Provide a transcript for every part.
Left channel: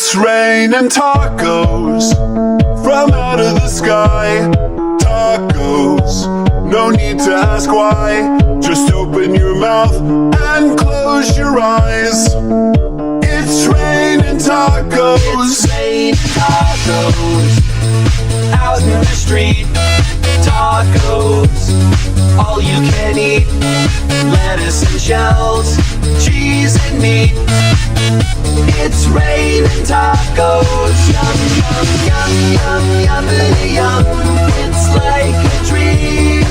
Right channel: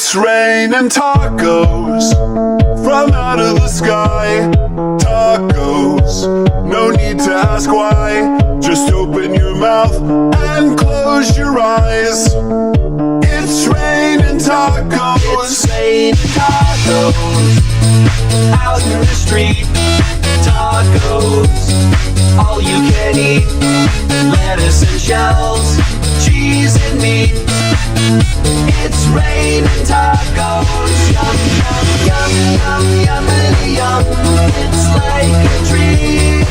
It's raining tacos from out of the sky. Tacos, no need to ask why. Just open your mouth and close your eyes. It's raining tacos. It's raining tacos out in the street. Tacos, all you can eat. Lettuce and shells, cheese and meat. It's raining tacos. Yum, yum, yum, yum, yummity, yum. It's like a dream.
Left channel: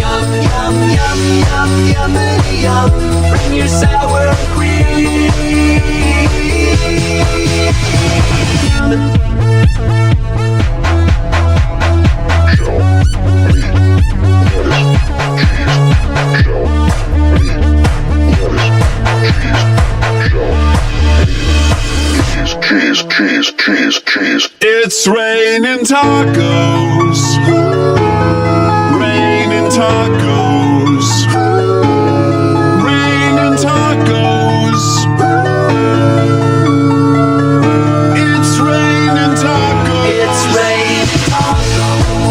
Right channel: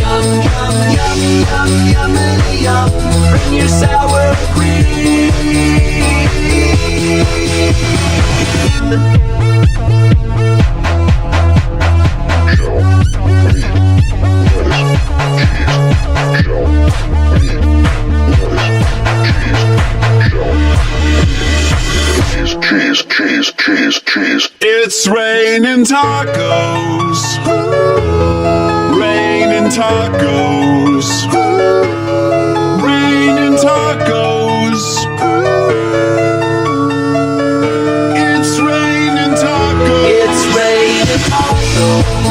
Yum, yum, yum, yum, yummity, yum. Bring your sour cream. Cheese, cheese, cheese, cheese. It's raining tacos. Raining tacos. Raining tacos. It's raining tacos. It's raining tacos.